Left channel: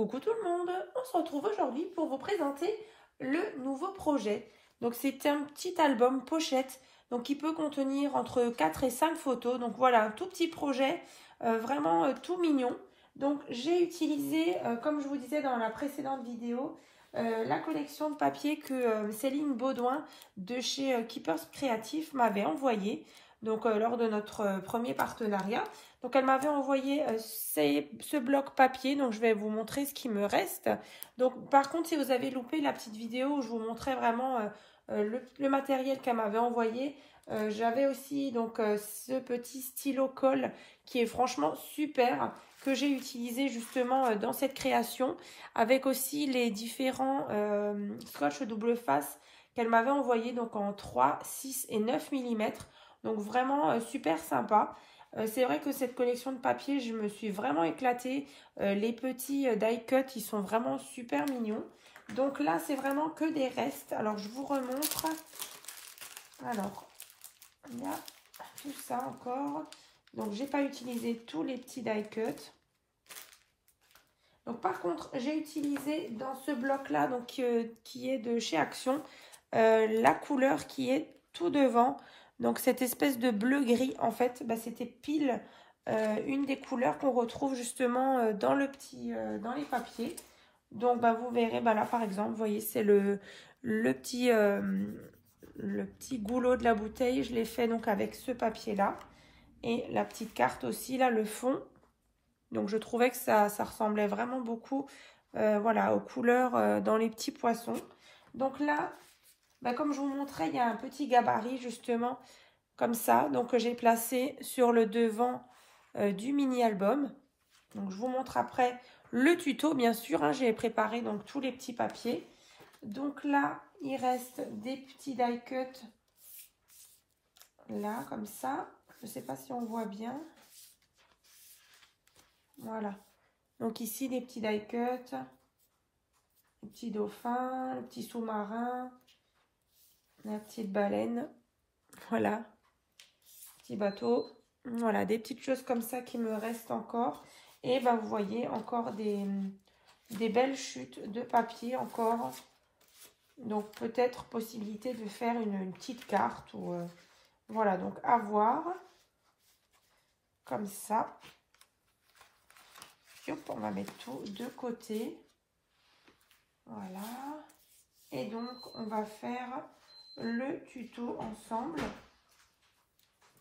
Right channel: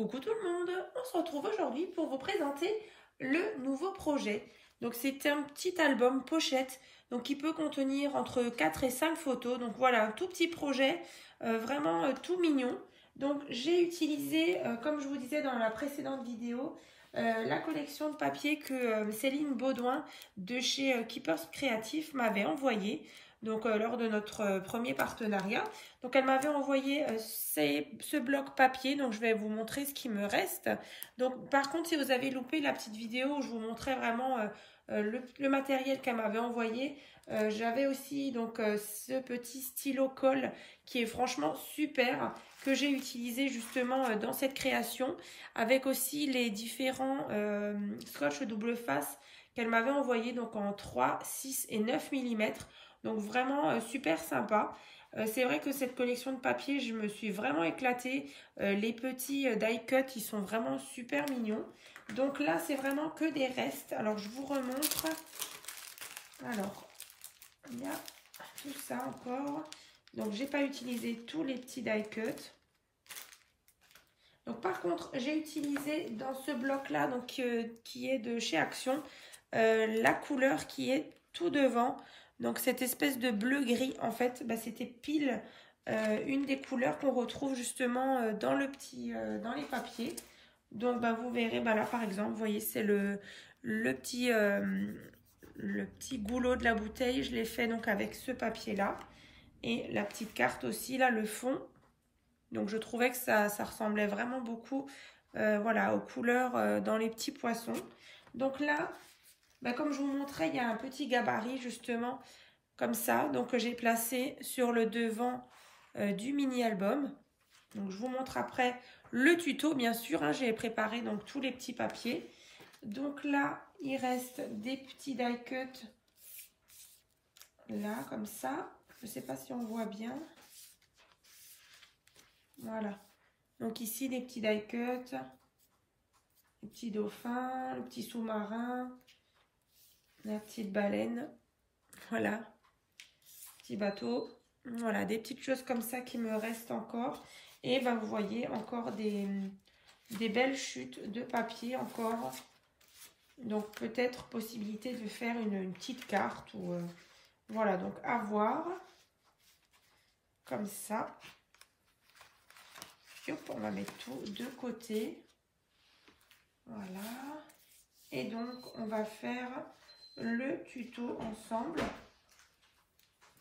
Coucou tout le monde, on se retrouve aujourd'hui pour vous présenter le nouveau projet. Donc c'est un petit album pochette donc qui peut contenir entre 4 et 5 photos. Donc voilà, un tout petit projet, vraiment tout mignon. Donc j'ai utilisé, comme je vous disais dans la précédente vidéo, la collection de papier que Céline Baudouin de chez Keepers Créatifs m'avait envoyé. Donc lors de notre premier partenariat. Donc elle m'avait envoyé ce bloc papier, donc je vais vous montrer ce qui me reste. Donc par contre, si vous avez loupé la petite vidéo où je vous montrais vraiment le matériel qu'elle m'avait envoyé, j'avais aussi donc ce petit stylo colle qui est franchement super, que j'ai utilisé justement dans cette création, avec aussi les différents scotch double face qu'elle m'avait envoyé donc en 3, 6 et 9 mm. Donc vraiment super sympa. C'est vrai que cette collection de papier, je me suis vraiment éclatée. Les petits die cut, ils sont vraiment super mignons. Donc là, c'est vraiment que des restes. Alors, je vous remontre. Alors, il y a tout ça encore. Donc, j'ai pas utilisé tous les petits die cut. Donc, par contre, j'ai utilisé dans ce bloc-là, donc qui est de chez Action, la couleur qui est tout devant. Donc cette espèce de bleu-gris, en fait, bah, c'était pile une des couleurs qu'on retrouve justement dans le petit, dans les papiers. Donc bah, vous verrez, bah, là par exemple, vous voyez, c'est le petit goulot de la bouteille. Je l'ai fait donc avec ce papier-là. Et la petite carte aussi, là, le fond. Donc je trouvais que ça ressemblait vraiment beaucoup voilà, aux couleurs dans les petits poissons. Donc là, bah, comme je vous montrais, il y a un petit gabarit justement comme ça. Donc j'ai placé sur le devant du mini-album. Donc je vous montre après le tuto, bien sûr. Hein, j'ai préparé donc tous les petits papiers. Donc là, il reste des petits die cut. Là, comme ça. Je ne sais pas si on voit bien. Voilà. Donc ici, des petits die cut. Les petits dauphins, le petit sous-marin. La petite baleine, voilà, petit bateau, voilà, des petites choses comme ça qui me restent encore. Et ben vous voyez encore des belles chutes de papier encore. Donc peut-être possibilité de faire une petite carte ou voilà, donc à voir. Comme ça. Hop, on va mettre tout de côté. Voilà. Et donc on va faire le tuto ensemble.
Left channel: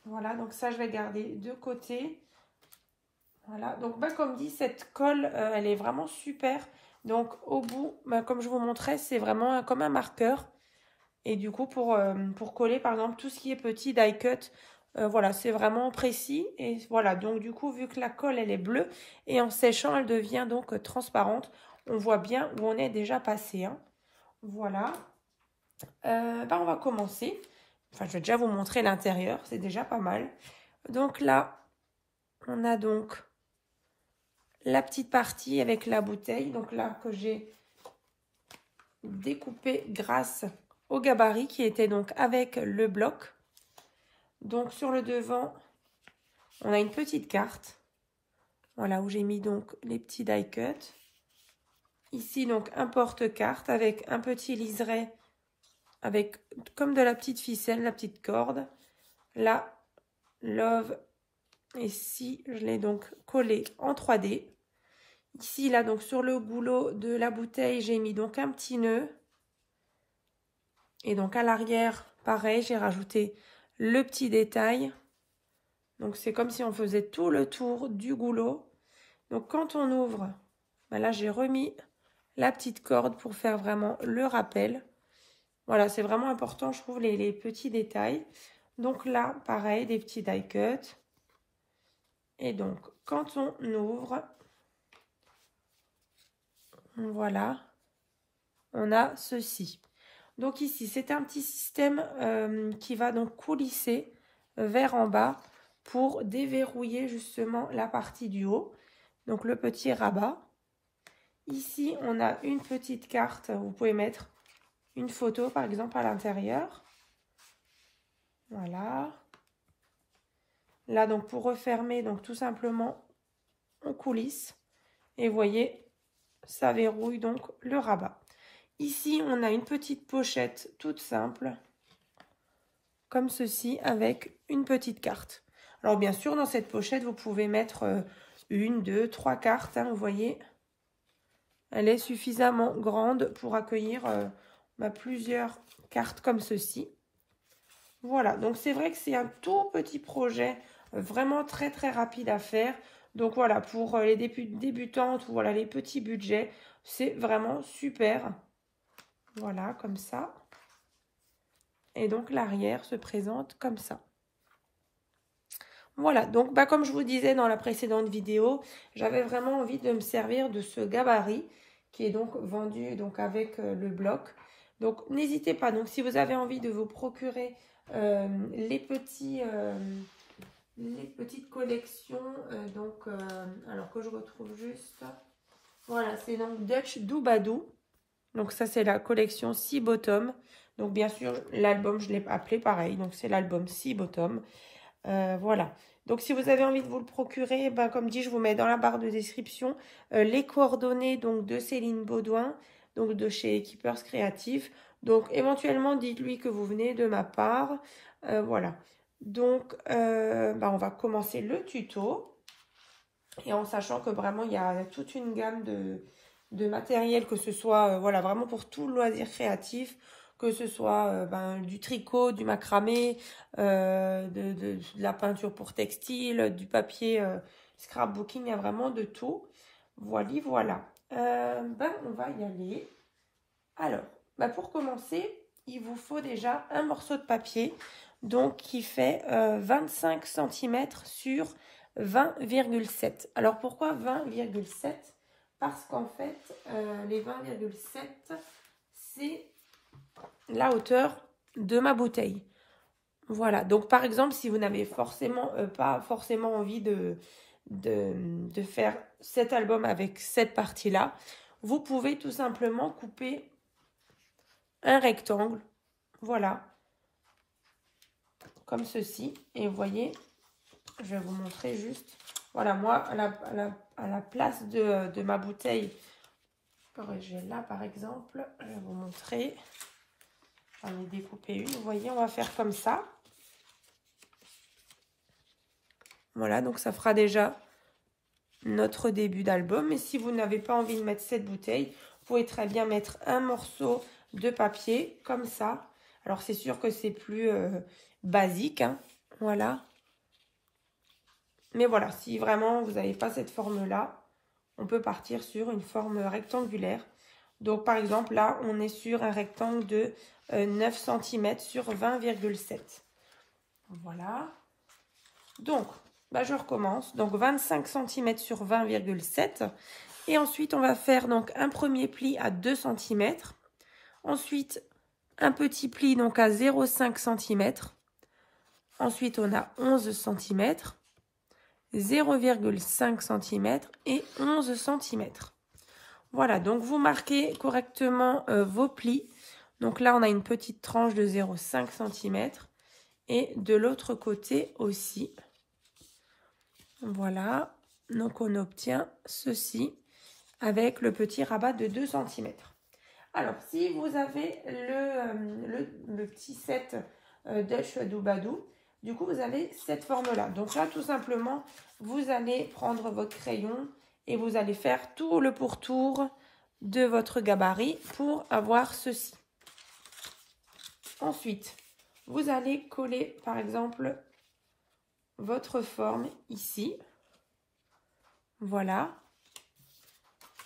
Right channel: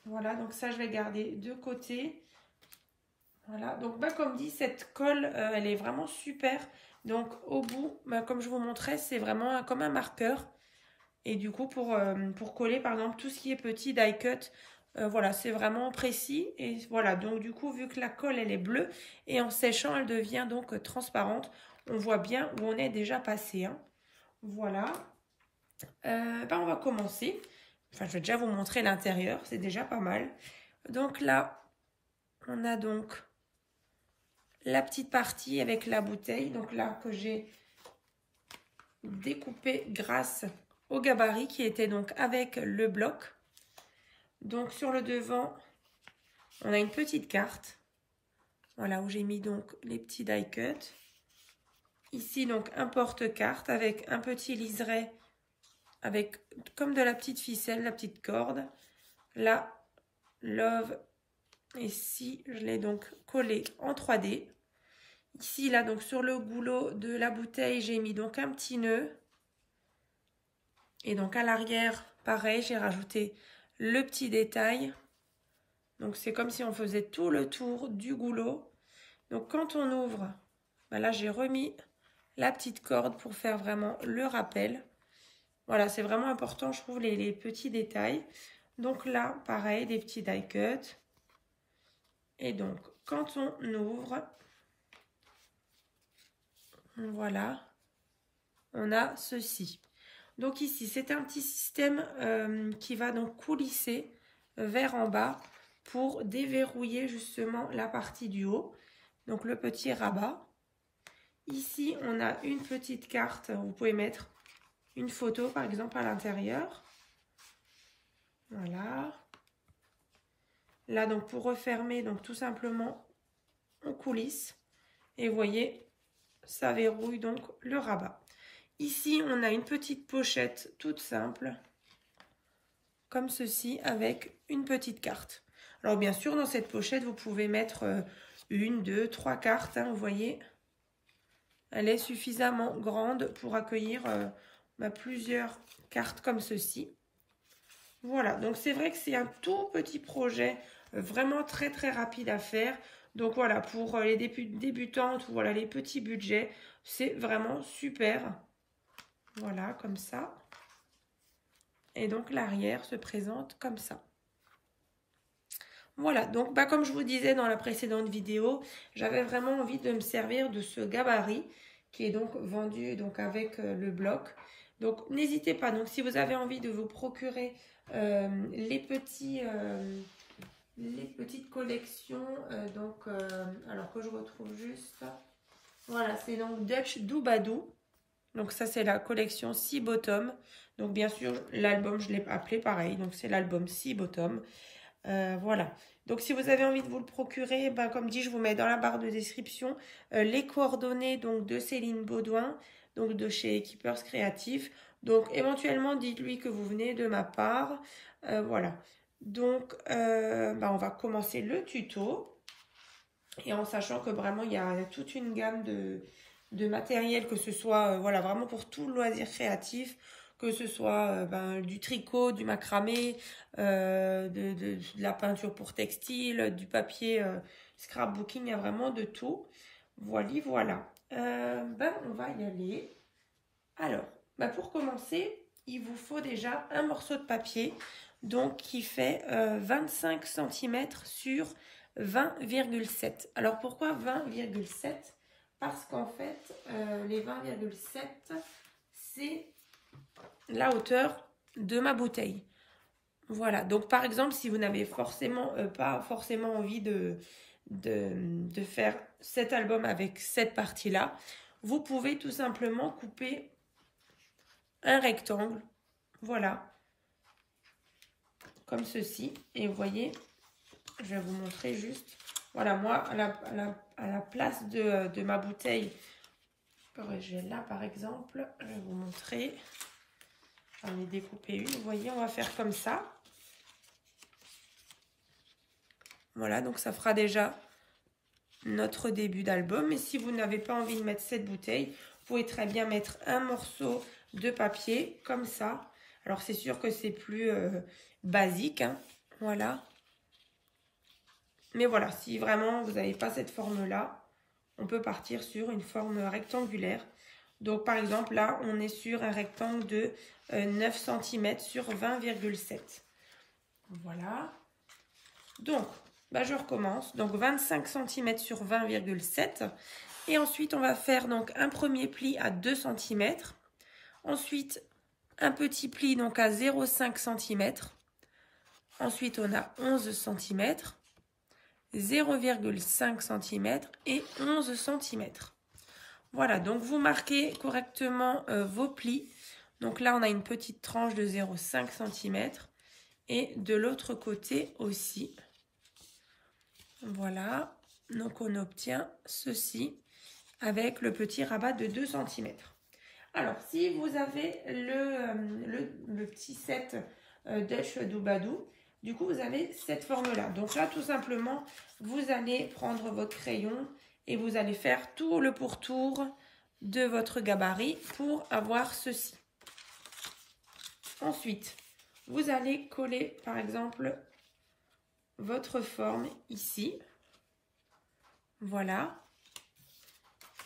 Voilà, donc ça je vais garder de côté. Voilà, donc bah, comme dit, cette colle elle est vraiment super. Donc au bout, bah, comme je vous montrais, c'est vraiment comme un marqueur. Et du coup pour coller par exemple tout ce qui est petit die cut, voilà, c'est vraiment précis. Et voilà, donc du coup vu que la colle elle est bleue et en séchant elle devient donc transparente, on voit bien où on est déjà passé. Hein. Voilà. Bah, on va commencer. Enfin, je vais déjà vous montrer l'intérieur, c'est déjà pas mal. Donc là, on a donc la petite partie avec la bouteille. Donc là, que j'ai découpé grâce au gabarit qui était donc avec le bloc. Donc sur le devant, on a une petite carte. Voilà, où j'ai mis donc les petits die cut. Ici, donc, un porte-carte avec un petit liseré avec comme de la petite ficelle, la petite corde. Là, love. Ici, je l'ai donc collé en 3D. Ici, là, donc sur le goulot de la bouteille, j'ai mis donc un petit nœud. Et donc à l'arrière, pareil, j'ai rajouté le petit détail. Donc c'est comme si on faisait tout le tour du goulot. Donc quand on ouvre, ben là j'ai remis la petite corde pour faire vraiment le rappel. Voilà, c'est vraiment important, je trouve, les petits détails. Donc là, pareil, des petits die cut. Et donc, quand on ouvre, voilà, on a ceci. Donc ici, c'est un petit système qui va donc coulisser vers en bas pour déverrouiller justement la partie du haut. Donc le petit rabat. Ici, on a une petite carte, vous pouvez mettre une photo par exemple à l'intérieur. Voilà. Là, donc pour refermer, donc tout simplement, on coulisse. Et vous voyez, ça verrouille donc le rabat. Ici, on a une petite pochette toute simple, comme ceci, avec une petite carte. Alors bien sûr, dans cette pochette, vous pouvez mettre une, deux, trois cartes, hein, vous voyez. Elle est suffisamment grande pour accueillir plusieurs cartes comme ceci. Voilà, donc c'est vrai que c'est un tout petit projet, vraiment très très rapide à faire. Donc voilà, pour les débutantes, voilà, les petits budgets, c'est vraiment super. Voilà, comme ça. Et donc l'arrière se présente comme ça. Voilà, donc comme je vous disais dans la précédente vidéo, j'avais vraiment envie de me servir de ce gabarit qui est donc vendu donc avec le bloc. Donc n'hésitez pas, donc si vous avez envie de vous procurer les petites collections, alors que je retrouve juste, voilà, c'est donc Dutch Doobadoo. Donc ça c'est la collection 6 Bottom. Donc bien sûr l'album je l'ai appelé pareil, donc c'est l'album 6 Bottom. Voilà, donc si vous avez envie de vous le procurer, comme dit, je vous mets dans la barre de description les coordonnées donc de Céline Baudouin, donc de chez Keepers Créatifs. Donc éventuellement dites-lui que vous venez de ma part. Voilà, donc on va commencer le tuto, et en sachant que vraiment il y a toute une gamme de matériel, que ce soit voilà, vraiment pour tout loisir créatif, que ce soit du tricot, du macramé, de la peinture pour textile, du papier scrapbooking, il y a vraiment de tout. Voilà. On va y aller. Alors, pour commencer, il vous faut déjà un morceau de papier, donc qui fait 25 cm sur 20,7. Alors pourquoi 20,7? Parce qu'en fait, les 20,7, c'est la hauteur de ma bouteille. Voilà, donc par exemple, si vous n'avez pas forcément envie de faire cet album avec cette partie-là, vous pouvez tout simplement couper un rectangle, voilà, comme ceci. Et vous voyez, je vais vous montrer juste, voilà, moi, à la place de ma bouteille, j'ai là par exemple, je vais vous montrer. J'en ai découpé une, vous voyez, on va faire comme ça. Voilà, donc ça fera déjà notre début d'album. Et si vous n'avez pas envie de mettre cette bouteille, vous pouvez très bien mettre un morceau de papier, comme ça. Alors c'est sûr que c'est plus basique, hein, voilà. Mais voilà, si vraiment vous n'avez pas cette forme-là, on peut partir sur une forme rectangulaire. Donc par exemple, là, on est sur un rectangle de 9 cm sur 20,7. Voilà. Donc, je recommence. Donc 25 cm sur 20,7. Et ensuite, on va faire donc un premier pli à 2 cm. Ensuite, un petit pli donc à 0,5 cm. Ensuite, on a 11 cm, 0,5 cm et 11 cm. Voilà, donc vous marquez correctement vos plis. Donc là, on a une petite tranche de 0,5 cm. Et de l'autre côté aussi. Voilà, donc on obtient ceci avec le petit rabat de 2 cm. Alors, si vous avez le petit set Dutch Doobadoo, du coup, vous avez cette forme-là. Donc là, tout simplement, vous allez prendre votre crayon et vous allez faire tout le pourtour de votre gabarit pour avoir ceci. Ensuite, vous allez coller, par exemple, votre forme ici. Voilà.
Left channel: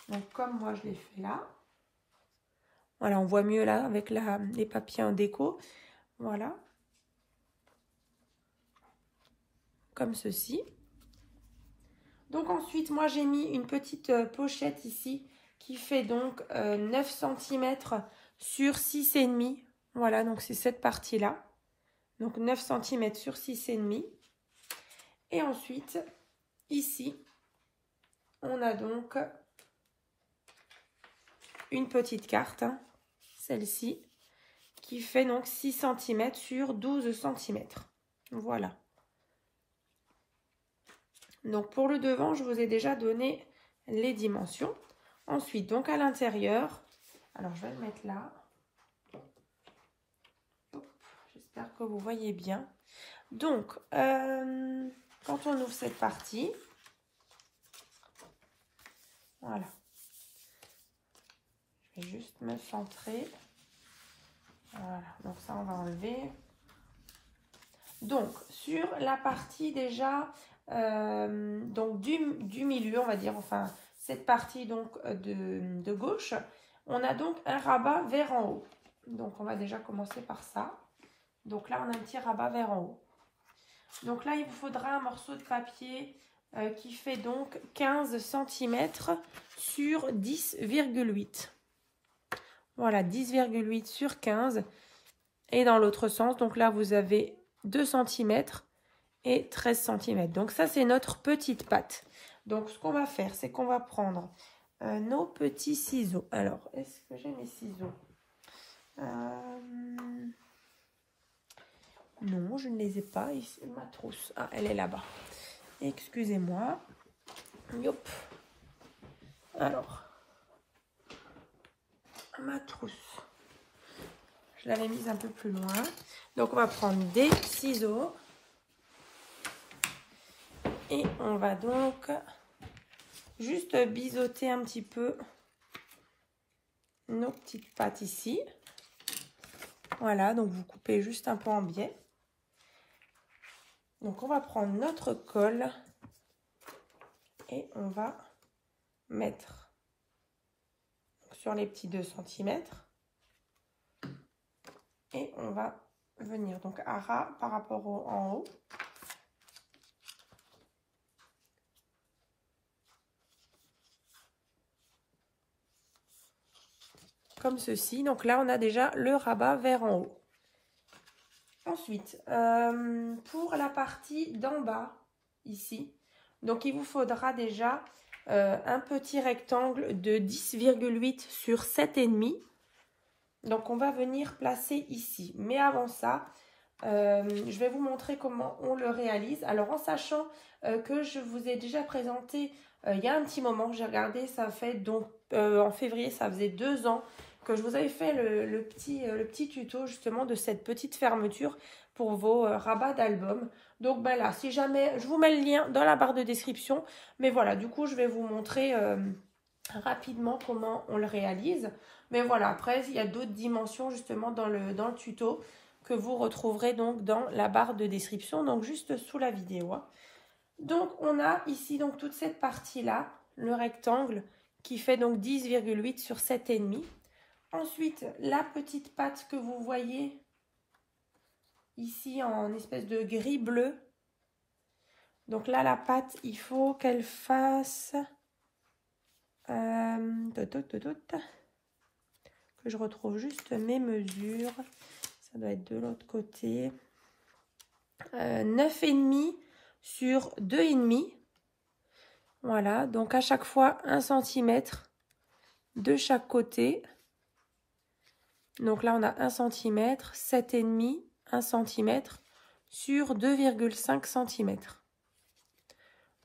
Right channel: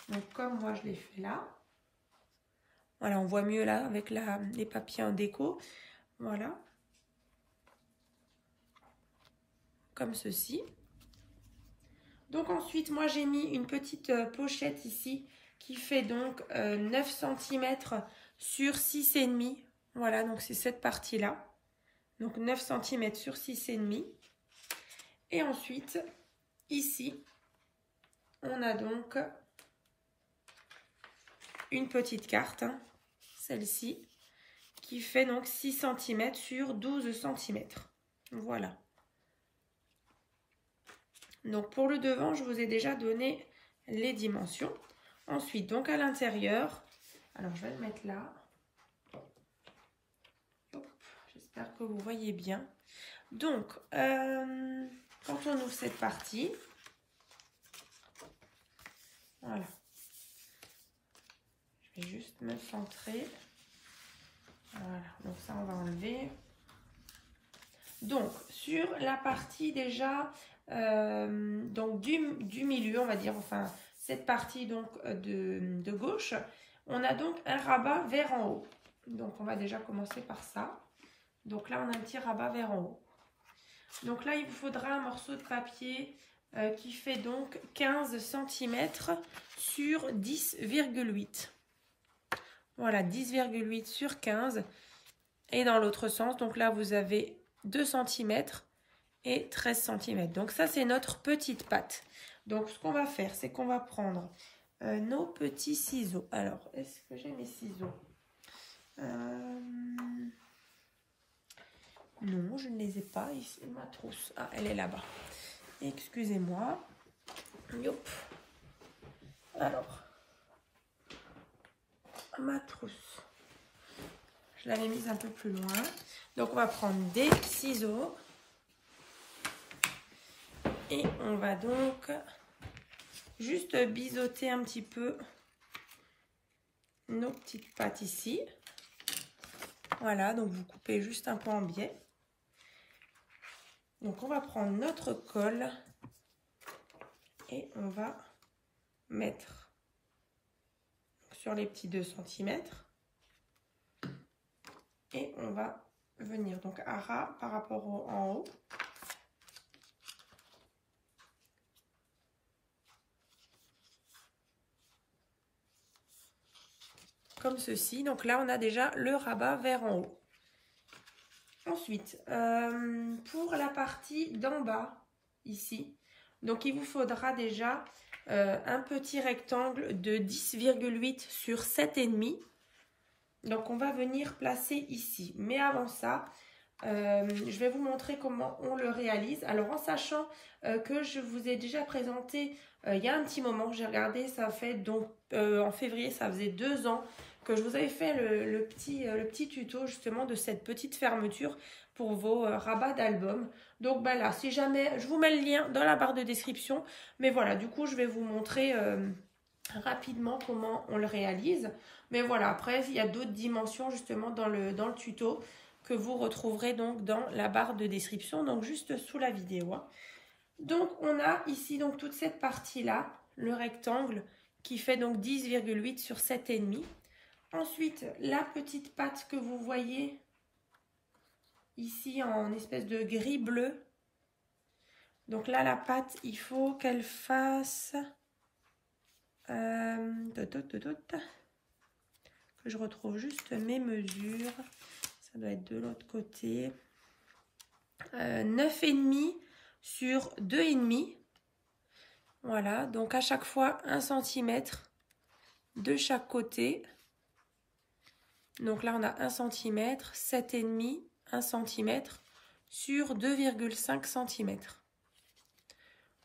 Donc, comme moi, je l'ai fait là. Voilà, on voit mieux là avec les papiers en déco. Voilà. Comme ceci. Donc, ensuite, moi, j'ai mis une petite pochette ici qui fait donc 9 cm sur 6,5. Voilà, donc c'est cette partie-là. Donc 9 cm sur 6,5. Et ensuite, ici, on a donc une petite carte, hein, celle-ci, qui fait donc 6 cm sur 12 cm. Voilà. Donc pour le devant, je vous ai déjà donné les dimensions. Ensuite, donc à l'intérieur, alors je vais le mettre là. J'espère que vous voyez bien. Donc, quand on ouvre cette partie, voilà. Je vais juste me centrer. Voilà, donc ça on va enlever. Donc, sur la partie déjà donc du milieu, on va dire, enfin, cette partie donc de gauche, on a donc un rabat vers en haut. Donc, on va déjà commencer par ça. Donc là, on a un petit rabat vers en haut. Donc là, il vous faudra un morceau de papier qui fait donc 15 cm sur 10,8. Voilà, 10,8 sur 15. Et dans l'autre sens, donc là, vous avez 2 cm et 13 cm. Donc ça, c'est notre petite patte. Donc ce qu'on va faire, c'est qu'on va prendre nos petits ciseaux. Alors, est-ce que j'ai mes ciseaux? Non, je ne les ai pas. Ici, ma trousse. Ah, elle est là-bas. Excusez-moi. Yop. Alors, ma trousse. Je l'avais mise un peu plus loin. Donc, on va prendre des ciseaux. Et on va donc juste biseauter un petit peu nos petites pattes ici. Voilà, donc vous coupez juste un peu en biais. Donc, on va prendre notre colle et on va mettre sur les petits 2 cm. Et on va venir donc à ras par rapport en haut. Comme ceci. Donc là, on a déjà le rabat vers en haut. Ensuite, pour la partie d'en bas, ici, donc il vous faudra déjà un petit rectangle de 10,8 sur 7,5. Donc on va venir placer ici. Mais avant ça, je vais vous montrer comment on le réalise. Alors en sachant que je vous ai déjà présenté il y a un petit moment, j'ai regardé, ça fait donc en février, ça faisait 2 ans que je vous avais fait le petit tuto justement de cette petite fermeture pour vos rabats d'album. Donc ben là, si jamais, je vous mets le lien dans la barre de description. Mais voilà, du coup, je vais vous montrer rapidement comment on le réalise. Mais voilà, après, il y a d'autres dimensions justement dans le tuto que vous retrouverez donc dans la barre de description, donc juste sous la vidéo. Donc, on a ici donc toute cette partie-là, le rectangle qui fait donc 10,8 sur 7,5. Ensuite, la petite patte que vous voyez ici en espèce de gris bleu. Donc là, la patte, il faut qu'elle fasse... que je retrouve juste mes mesures. Ça doit être de l'autre côté. 9,5 sur 2,5. Voilà, donc à chaque fois 1 cm de chaque côté. Donc là, on a 1 cm, 7,5, 1 cm sur 2,5 cm.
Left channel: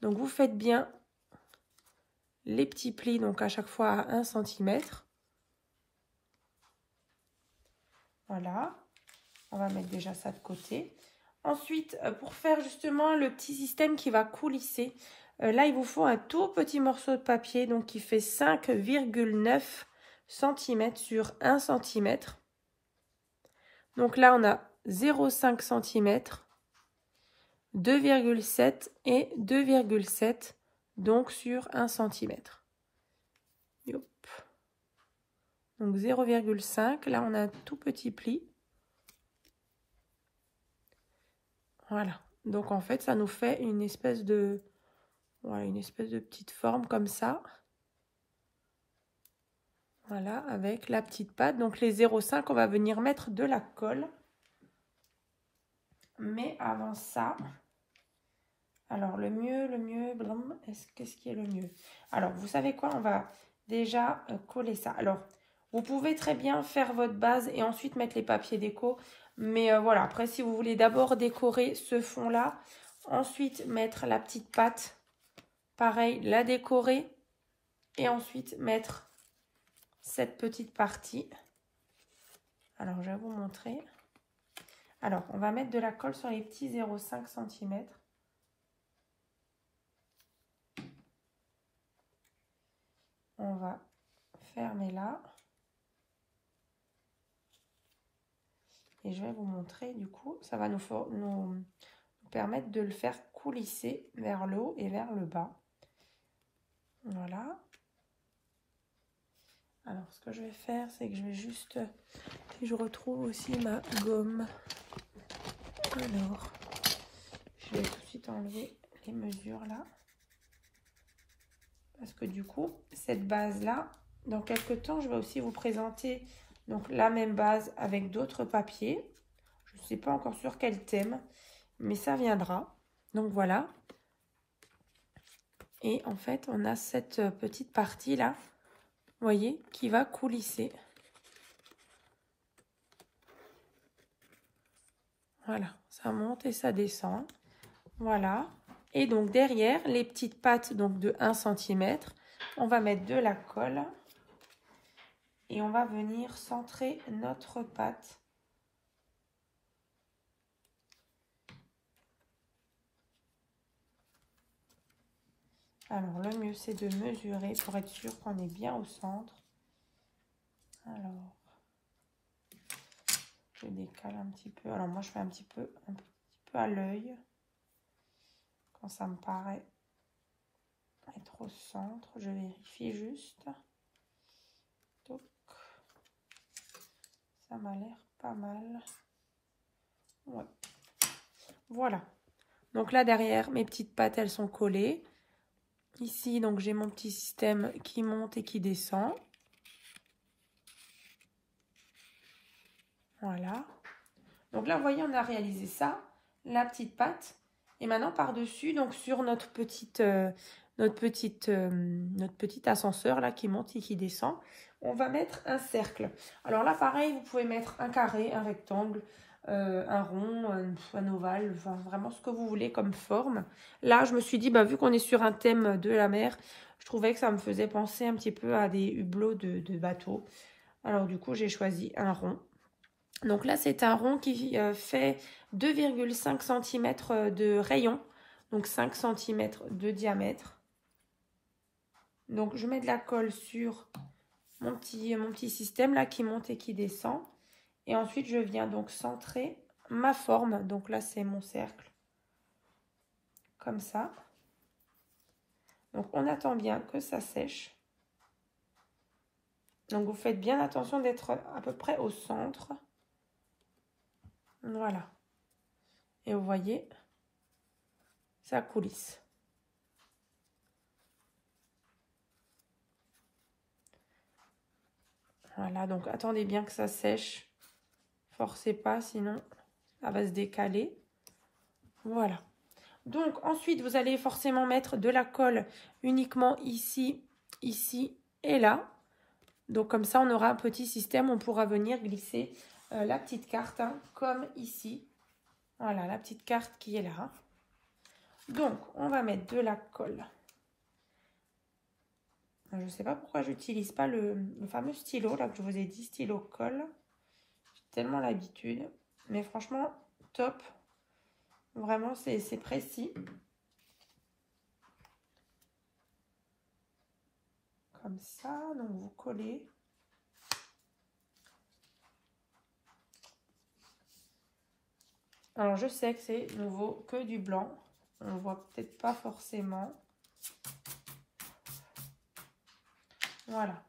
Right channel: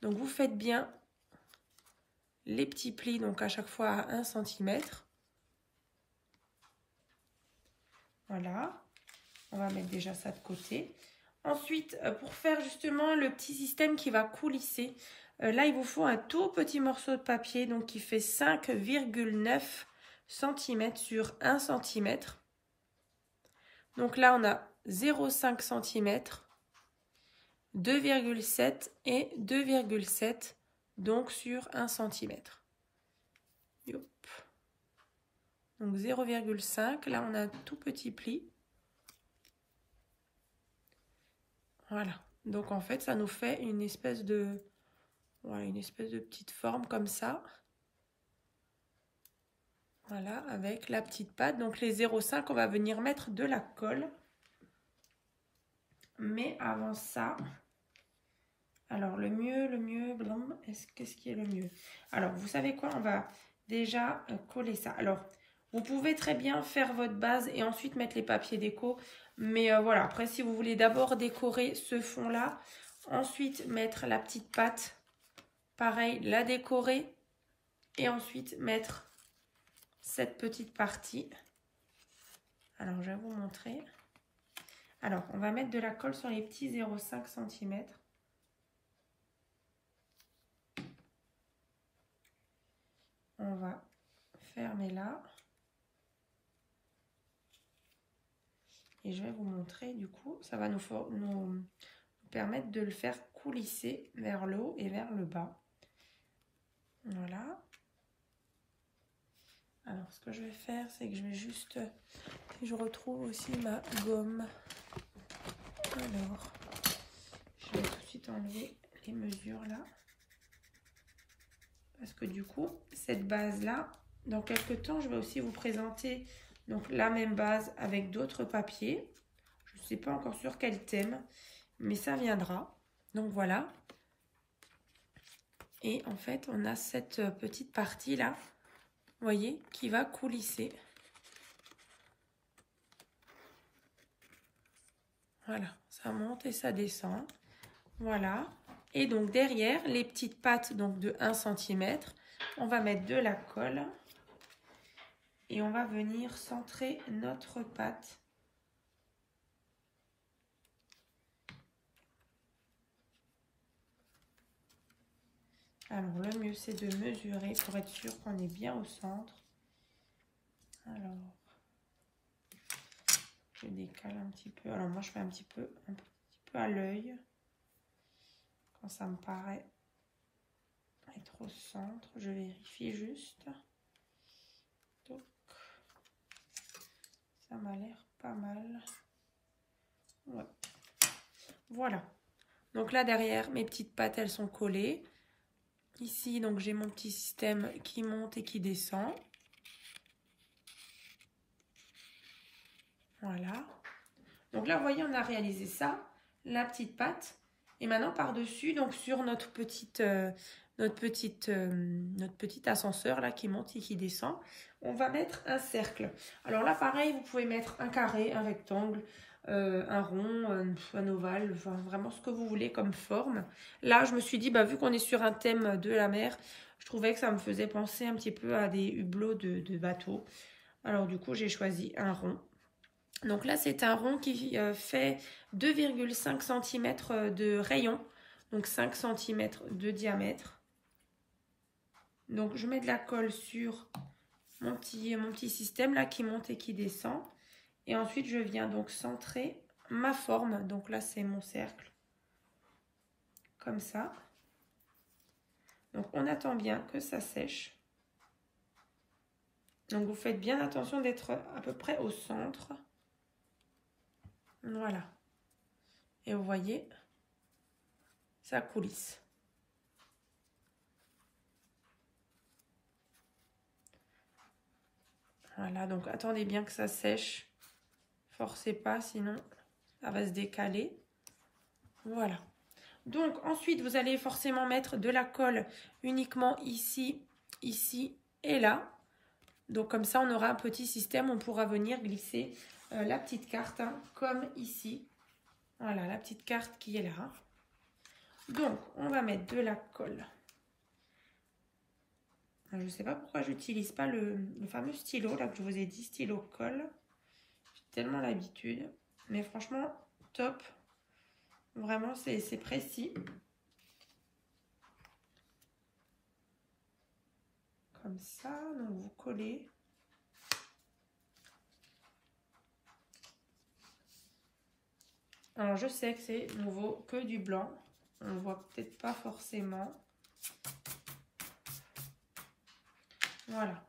Donc, vous faites bien les petits plis, donc à chaque fois à 1 cm. Voilà, on va mettre déjà ça de côté. Ensuite, pour faire justement le petit système qui va coulisser, là, il vous faut un tout petit morceau de papier, donc qui fait 5,9 cm sur 1 cm. Donc là, on a 0,5 cm, 2,7 et 2,7, donc sur 1 cm. Hop. Donc 0,5, là on a un tout petit pli. Voilà, donc en fait ça nous fait une espèce de, voilà, une espèce de petite forme comme ça. Voilà, avec la petite patte. Donc les 0,5, on va venir mettre de la colle. Mais avant ça, alors le mieux, qu'est-ce qui est le mieux? Alors, vous savez quoi? On va déjà coller ça. Alors, vous pouvez très bien faire votre base et ensuite mettre les papiers déco. Mais voilà, après, si vous voulez d'abord décorer ce fond-là, ensuite mettre la petite patte, pareil, la décorer. Et ensuite mettre cette petite partie. Alors, je vais vous montrer. Alors, on va mettre de la colle sur les petits 0,5 cm. On va fermer là. Et je vais vous montrer, du coup, ça va nous permettre de le faire coulisser vers le haut et vers le bas. Voilà. Alors, ce que je vais faire, c'est que je vais juste... Je retrouve aussi ma gomme. Alors, je vais tout de suite enlever les mesures là. Parce que du coup, cette base-là, dans quelques temps, je vais aussi vous présenter donc la même base avec d'autres papiers. Je ne sais pas encore sur quel thème, mais ça viendra. Donc voilà. Et en fait, on a cette petite partie-là, vous voyez, qui va coulisser. Voilà, ça monte et ça descend. Voilà. Et donc derrière, les petites pattes donc de 1 cm, on va mettre de la colle. Et on va venir centrer notre pâte. Alors, le mieux, c'est de mesurer pour être sûr qu'on est bien au centre. Alors, je décale un petit peu. Alors, moi, je fais un petit peu à l'œil. Quand ça me paraît être au centre, je vérifie juste. Donc, ça m'a l'air pas mal. Ouais. Voilà. Donc là, derrière, mes petites pattes, elles sont collées. Ici, donc, j'ai mon petit système qui monte et qui descend. Voilà. Donc là, vous voyez, on a réalisé ça, la petite patte. Et maintenant, par-dessus, donc sur notre petit ascenseur là qui monte et qui descend, on va mettre un cercle. Alors là, pareil, vous pouvez mettre un carré, un rectangle, un rond, un ovale, enfin, vraiment ce que vous voulez comme forme. Là, je me suis dit, bah, vu qu'on est sur un thème de la mer, je trouvais que ça me faisait penser un petit peu à des hublots de bateau. Alors du coup, j'ai choisi un rond. Donc là, c'est un rond qui fait 2,5 cm de rayon, donc 5 cm de diamètre. Donc je mets de la colle sur mon petit système là qui monte et qui descend. Et ensuite, je viens donc centrer ma forme. Donc là, c'est mon cercle. Comme ça. Donc on attend bien que ça sèche. Donc vous faites bien attention d'être à peu près au centre. Voilà. Et vous voyez, ça coulisse. Voilà, donc attendez bien que ça sèche. Forcez pas, sinon ça va se décaler. Voilà. Donc ensuite, vous allez forcément mettre de la colle uniquement ici, ici et là. Donc comme ça, on aura un petit système. On pourra venir glisser la petite carte, hein, comme ici. Voilà, la petite carte qui est là. Donc, on va mettre de la colle. Je ne sais pas pourquoi je n'utilise pas le fameux stylo, là que je vous ai dit, stylo colle. J'ai tellement l'habitude. Mais franchement, top. Vraiment, c'est précis. Comme ça, donc vous collez. Alors, je sais que c'est nouveau que du blanc. On ne voit peut-être pas forcément. Voilà.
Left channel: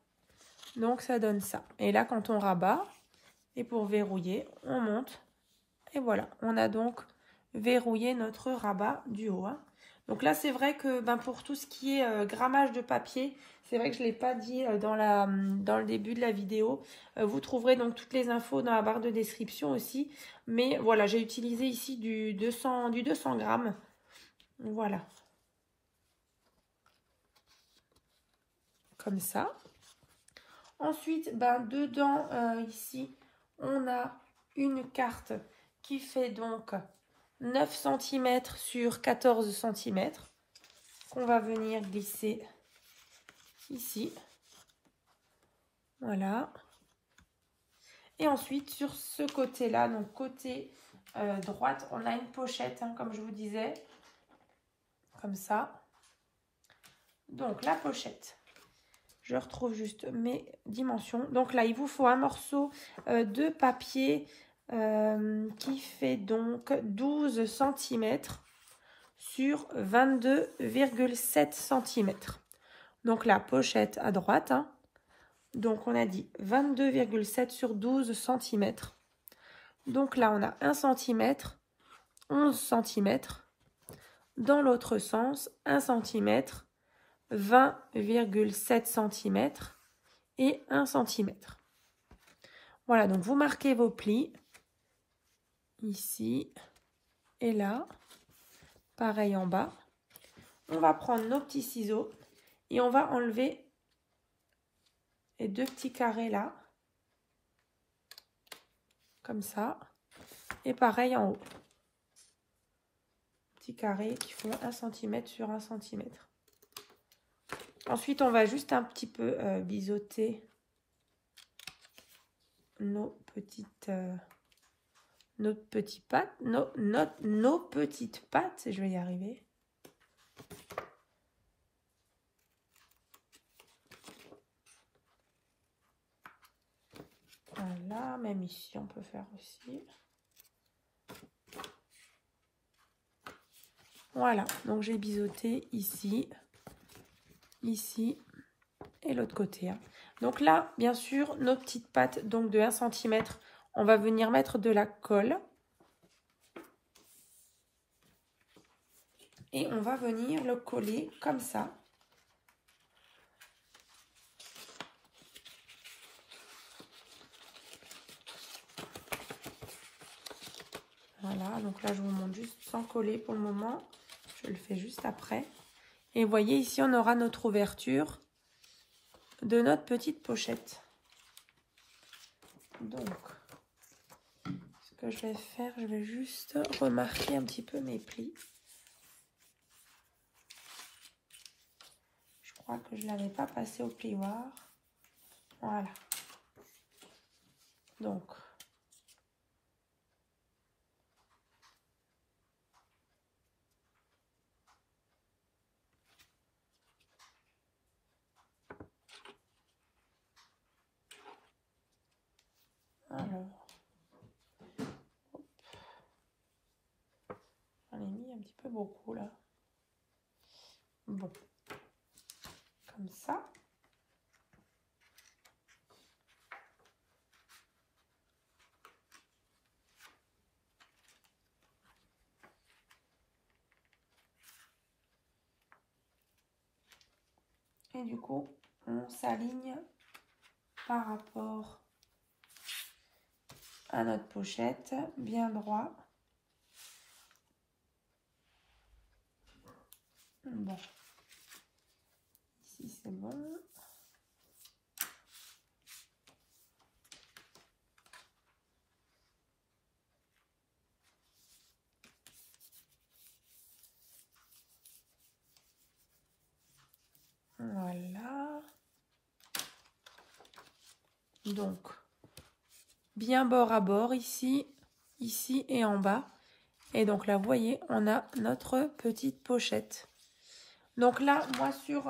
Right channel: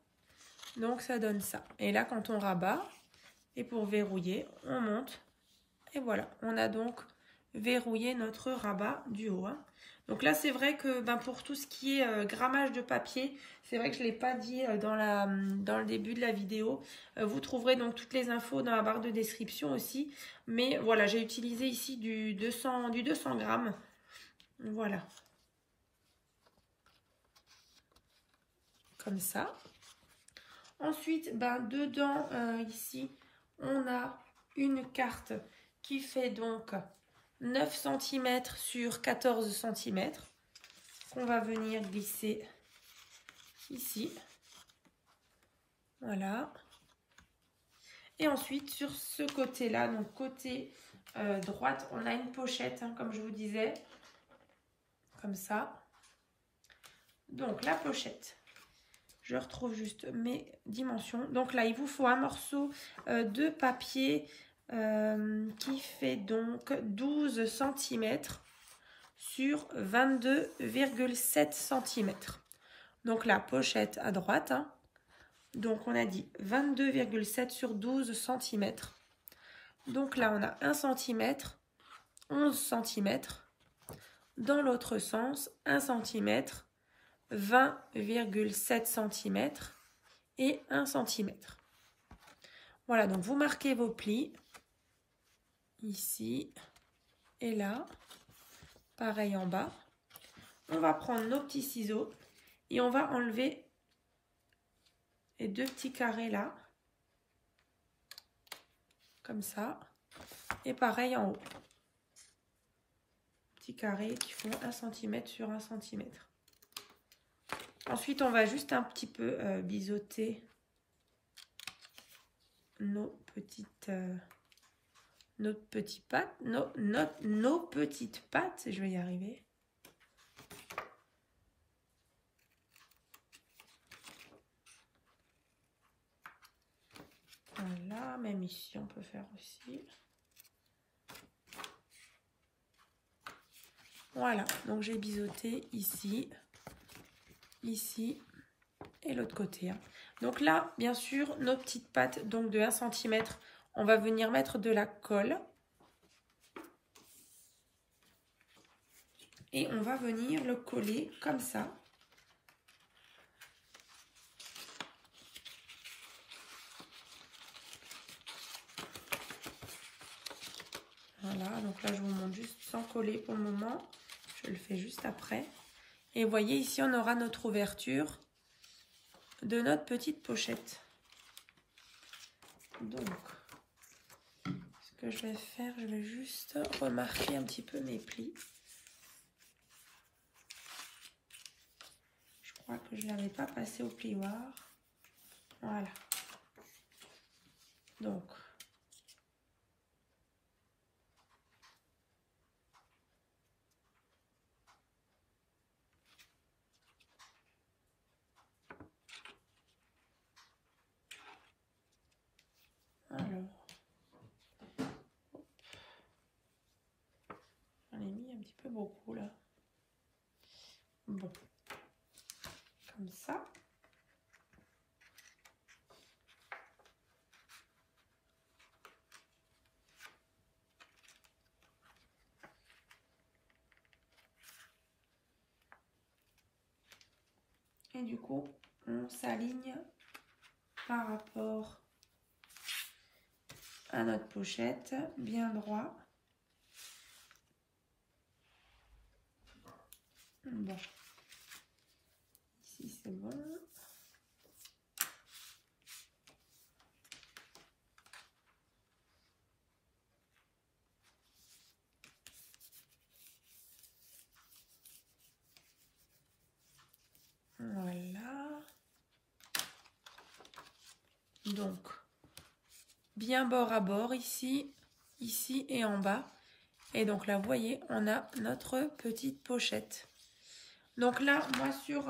Donc, ça donne ça. Et là, quand on rabat, et pour verrouiller, on monte. Et voilà, on a donc verrouillé notre rabat du haut. Hein. Donc là, c'est vrai que pour tout ce qui est grammage de papier, c'est vrai que je ne l'ai pas dit dans le début de la vidéo. Vous trouverez donc toutes les infos dans la barre de description aussi. Mais voilà, j'ai utilisé ici du 200 grammes. Voilà. Comme ça. Ensuite, dedans, ici, on a une carte qui fait donc 9 cm sur 14 cm qu'on va venir glisser ici. Voilà. Et ensuite, sur ce côté-là, donc côté droite, on a une pochette, hein, comme je vous disais. Comme ça. Donc, la pochette. Je retrouve juste mes dimensions. Donc là, il vous faut un morceau de papier qui fait donc 12 cm sur 22,7 cm. Donc la pochette à droite, hein. Donc on a dit 22,7 sur 12 cm. Donc là, on a 1 cm, 11 cm. Dans l'autre sens, 1 cm, 20,7 cm et 1 cm. Voilà, donc vous marquez vos plis ici et là. Pareil en bas. On va prendre nos petits ciseaux et on va enlever les 2 petits carrés là. Comme ça. Et pareil en haut. Petits carrés qui font 1 cm sur 1 cm. Ensuite, on va juste un petit peu biseauter nos petites pattes, nos petites pattes, je vais y arriver. Voilà, même ici, on peut faire aussi. Voilà, donc j'ai biseauté ici, ici et l'autre côté. Hein. Donc là, bien sûr, nos petites pattes donc de 1 cm, on va venir mettre de la colle. Et on va venir le coller comme ça. Voilà, donc là je vous montre juste sans coller pour le moment. Je le fais juste après. Et vous voyez ici on aura notre ouverture de notre petite pochette. Donc, ce que je vais faire, je vais juste remarquer un petit peu mes plis. Je crois que je ne l'avais pas passé au plioir. Voilà. Donc, j'en ai mis un petit peu beaucoup là. Bon, comme ça. Et du coup, on s'aligne par rapport à notre pochette, bien droit. Bon, ici c'est bon. Voilà. Donc, bien bord à bord ici, ici et en bas. Et donc là, vous voyez, on a notre petite pochette. Donc là, moi sur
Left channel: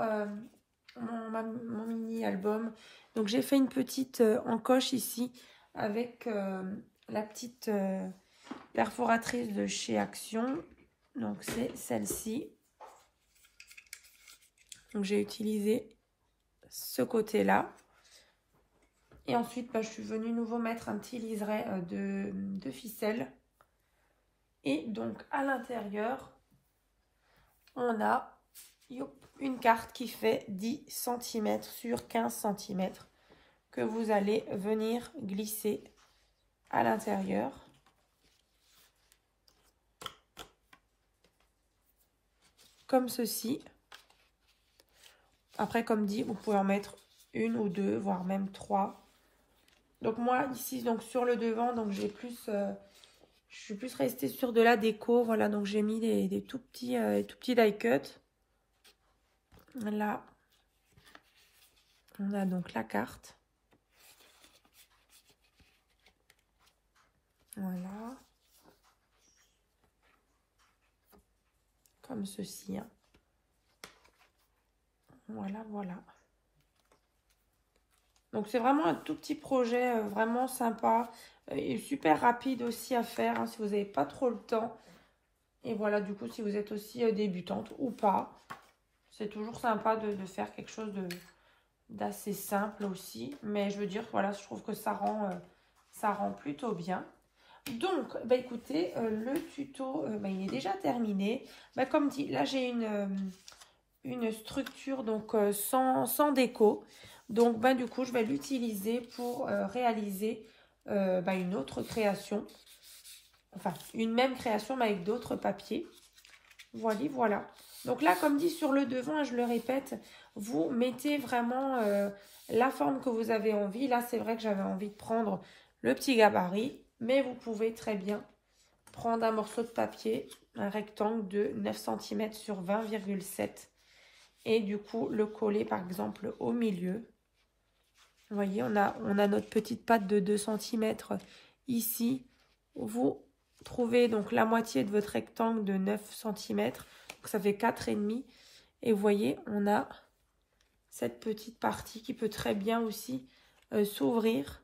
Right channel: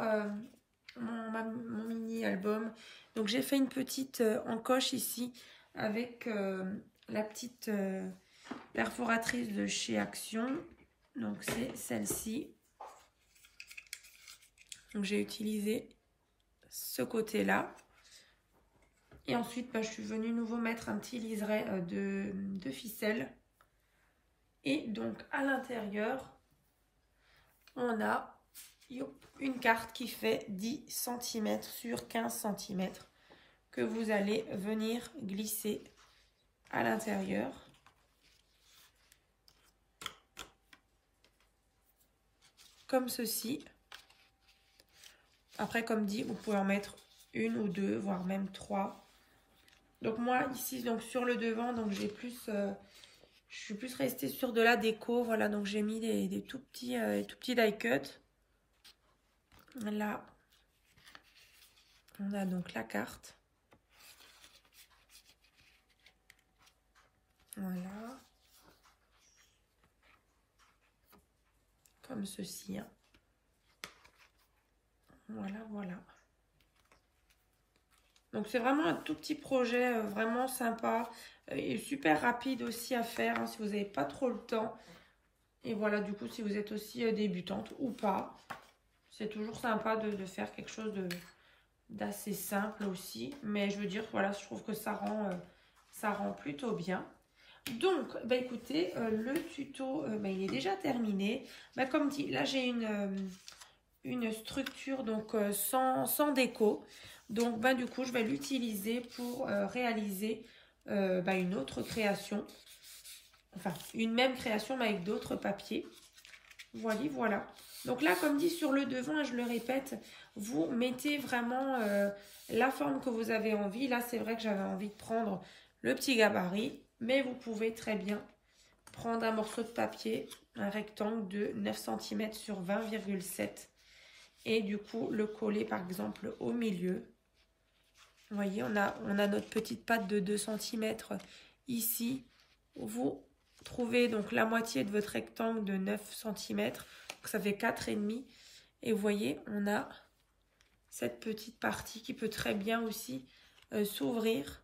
mon mini album, donc j'ai fait une petite encoche ici avec la petite perforatrice de chez Action. Donc c'est celle-ci. Donc j'ai utilisé ce côté-là. Et ensuite, je suis venue nouveau mettre un petit liseré de ficelle. Et donc à l'intérieur, on a une carte qui fait 10 cm sur 15 cm que vous allez venir glisser à l'intérieur. Comme ceci. Après, comme dit, vous pouvez en mettre une ou deux, voire même 3. Donc moi, ici, donc sur le devant, donc j'ai plus... je suis plus restée sur de la déco. Voilà, donc j'ai mis des tout petits die cut. Là. On a donc la carte. Voilà. Comme ceci. Hein. Voilà, voilà. Donc, c'est vraiment un tout petit projet vraiment sympa et super rapide aussi à faire hein, si vous n'avez pas trop le temps. Et voilà, du coup, si vous êtes aussi débutante ou pas, c'est toujours sympa de faire quelque chose d'assez simple aussi. Mais je veux dire, voilà, je trouve que ça rend plutôt bien. Donc, bah, écoutez, le tuto, bah, il est déjà terminé. Bah, comme dit, là, j'ai une structure donc sans déco. Donc, bah, du coup, je vais l'utiliser pour réaliser bah, une autre création. Enfin, une même création, mais avec d'autres papiers. Voilà, voilà. Donc là, comme dit sur le devant, je le répète, vous mettez vraiment la forme que vous avez envie. Là, c'est vrai que j'avais envie de prendre le petit gabarit, mais vous pouvez très bien prendre un morceau de papier, un rectangle de 9 cm sur 20,7 et du coup, le coller par exemple au milieu. Vous voyez, on a notre petite patte de 2 cm ici. Vous trouvez donc la moitié de votre rectangle de 9 cm. Donc ça fait 4,5. Et vous voyez, on a cette petite partie qui peut très bien aussi s'ouvrir.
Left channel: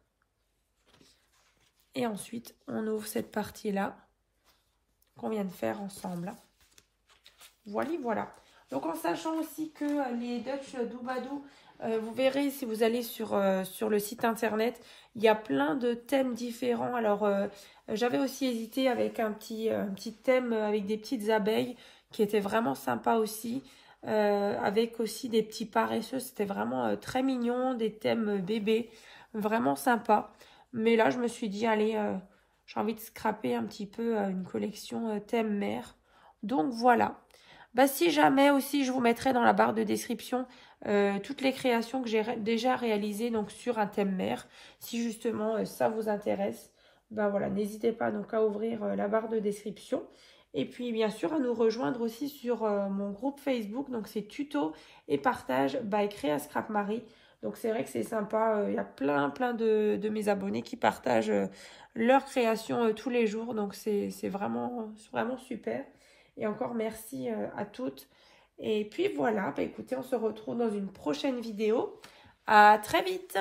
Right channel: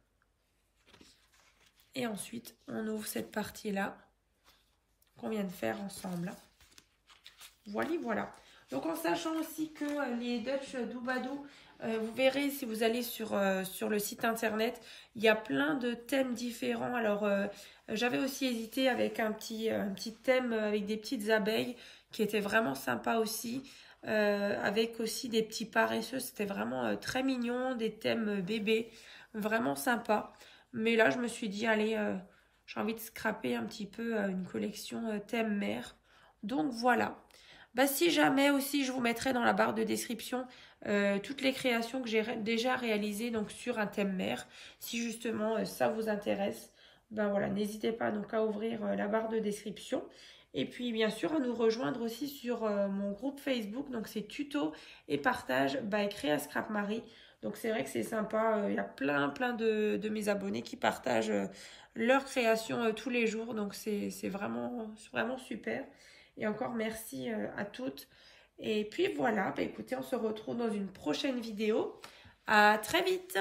Et ensuite, on ouvre cette partie-là qu'on vient de faire ensemble. Voilà, voilà. Donc en sachant aussi que les Dutch Doubadou, vous verrez si vous allez sur le site internet, il y a plein de thèmes différents. Alors j'avais aussi hésité avec un petit thème avec des petites abeilles qui était vraiment sympa aussi. Avec aussi des petits paresseux, c'était vraiment très mignon, des thèmes bébés, vraiment sympa. Mais là je me suis dit allez, j'ai envie de scraper un petit peu une collection thème mère. Donc voilà. Bah, si jamais aussi, je vous mettrai dans la barre de description toutes les créations que j'ai déjà réalisées donc sur un thème mère. Si justement ça vous intéresse, ben voilà, n'hésitez pas donc à ouvrir la barre de description. Et puis bien sûr à nous rejoindre aussi sur mon groupe Facebook. Donc c'est tuto et partage by Créa Scrap Marie. Donc c'est vrai que c'est sympa. Il y a plein de mes abonnés qui partagent leurs créations tous les jours. Donc c'est vraiment super. Et encore merci à toutes. Et puis voilà, bah écoutez, on se retrouve dans une prochaine vidéo. À très vite!